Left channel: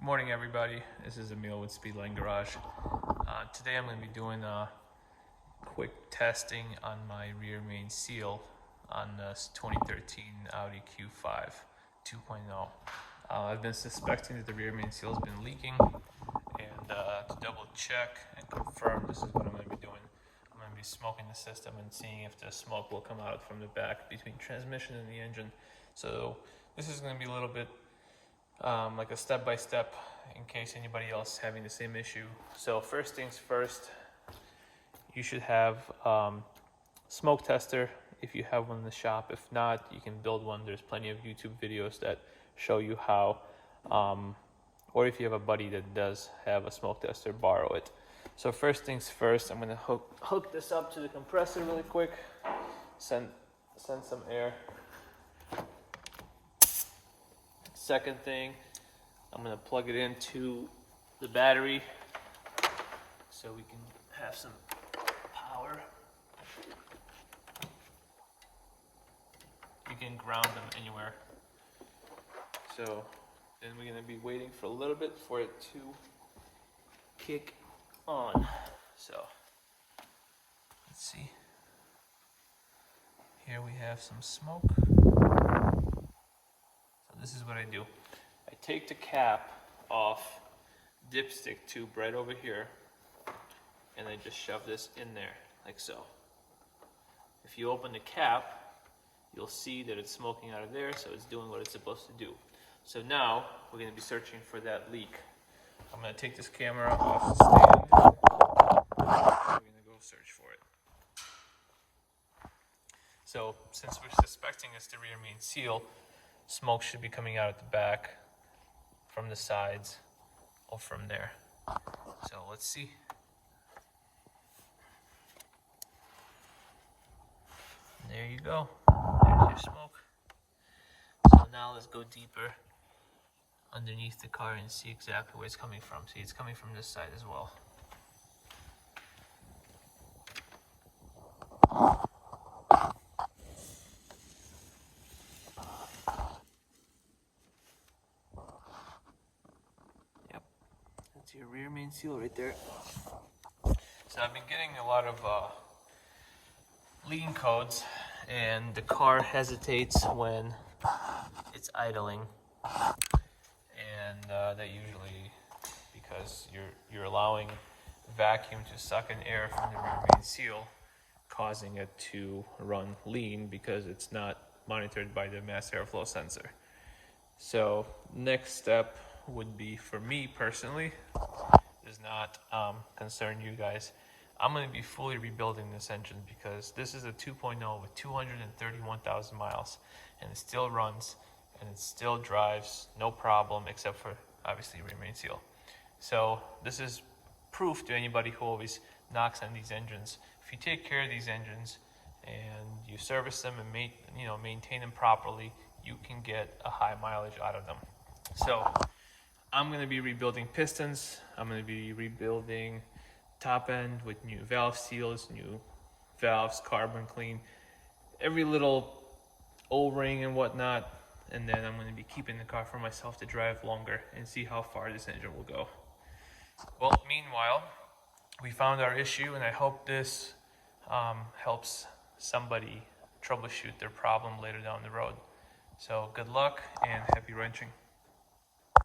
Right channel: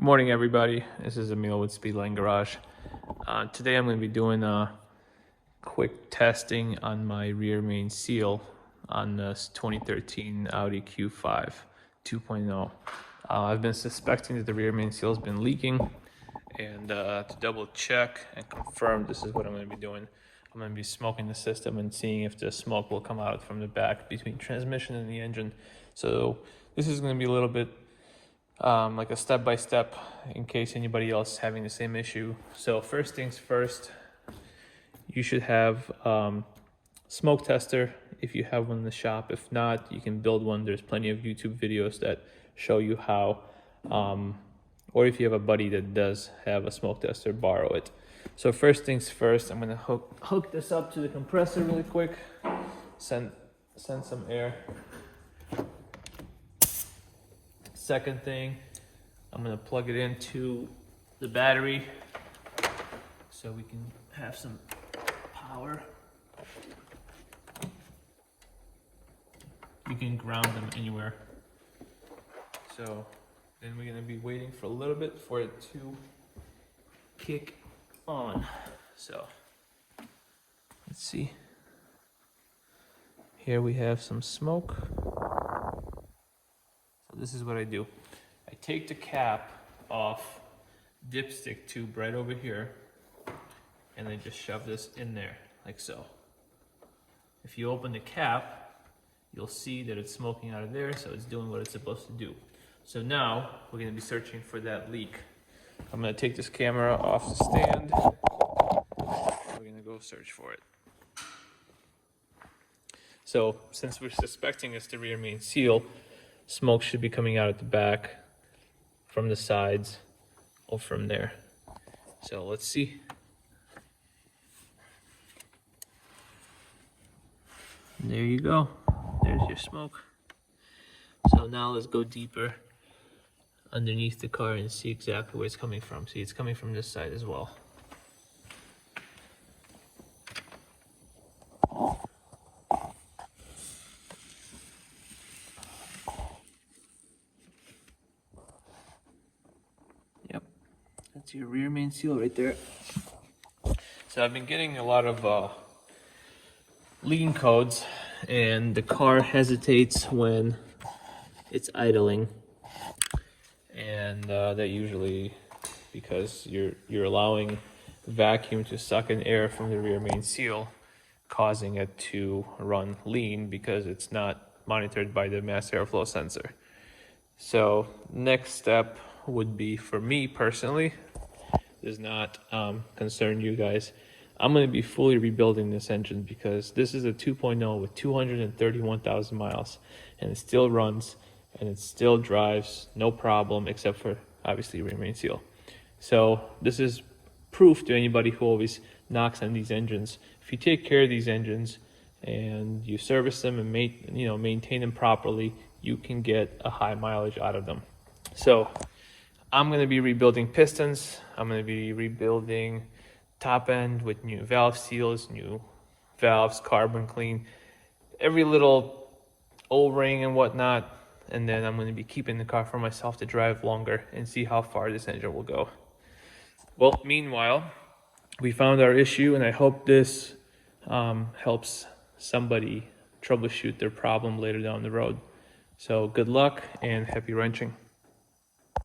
Good morning, everybody. This is Emil with Speedline Garage. Today I'm going to be doing a quick testing on my rear main seal on this 2013 Audi Q5 2.0. I've been suspecting that the rear main seal has been leaking, and to double check and confirm, this is what I'm going to be doing. I'm going to be smoking the system and seeing if the smoke will come out from the back between transmission and the engine. So this is going to be a little bit like a step-by-step in case anybody else is having the same issue. So first things first, you should have smoke tester if you have one in the shop. If not, you can build one. There's plenty of YouTube videos that show you how, or if you have a buddy that does have a smoke tester, borrow it. So first things first, I'm gonna hook this up to the compressor really quick, send some air. Second thing, I'm going to plug it into the battery so we can have some power. You can ground them anywhere. So then we're going to be waiting for a little bit for it to kick on. So let's see. Here we have some smoke. This is what I do. I take the cap off dipstick tube right over here, and I just shove this in there, like so. If you open the cap, you'll see that it's smoking out of there, so it's doing what it's supposed to do. So now, we're gonna be searching for that leak. I'm gonna take this camera off the stand. We're gonna go search for it. So, since we're suspecting it's the rear main seal, smoke should be coming out at the back, from the sides, or from there. So let's see. There you go. There's your smoke. So now let's go deeper underneath the car and see exactly where it's coming from. See, it's coming from this side as well. That's your rear main seal right there. So I've been getting a lot of lean codes, and the car hesitates when it's idling, and that usually because you're allowing vacuum to suck in air from the rear main seal, causing it to run lean because it's not monitored by the mass airflow sensor. So next step would be, for me personally, does not concern you guys, I'm going to be fully rebuilding this engine because this is a 2.0 with 231,000 miles, and it still runs and it still drives no problem, except for obviously rear main seal. So this is proof to anybody who always knocks on these engines. If you take care of these engines and you service them and maintain them properly, you can get a high mileage out of them. So I'm going to be rebuilding pistons. I'm going to be rebuilding top end with new valve seals, new valves, carbon clean, every little O-ring and whatnot. And then I'm going to be keeping the car for myself to drive longer and see how far this engine will go. Well, meanwhile, we found our issue, and I hope this helps somebody troubleshoot their problem later down the road. So good luck and happy wrenching.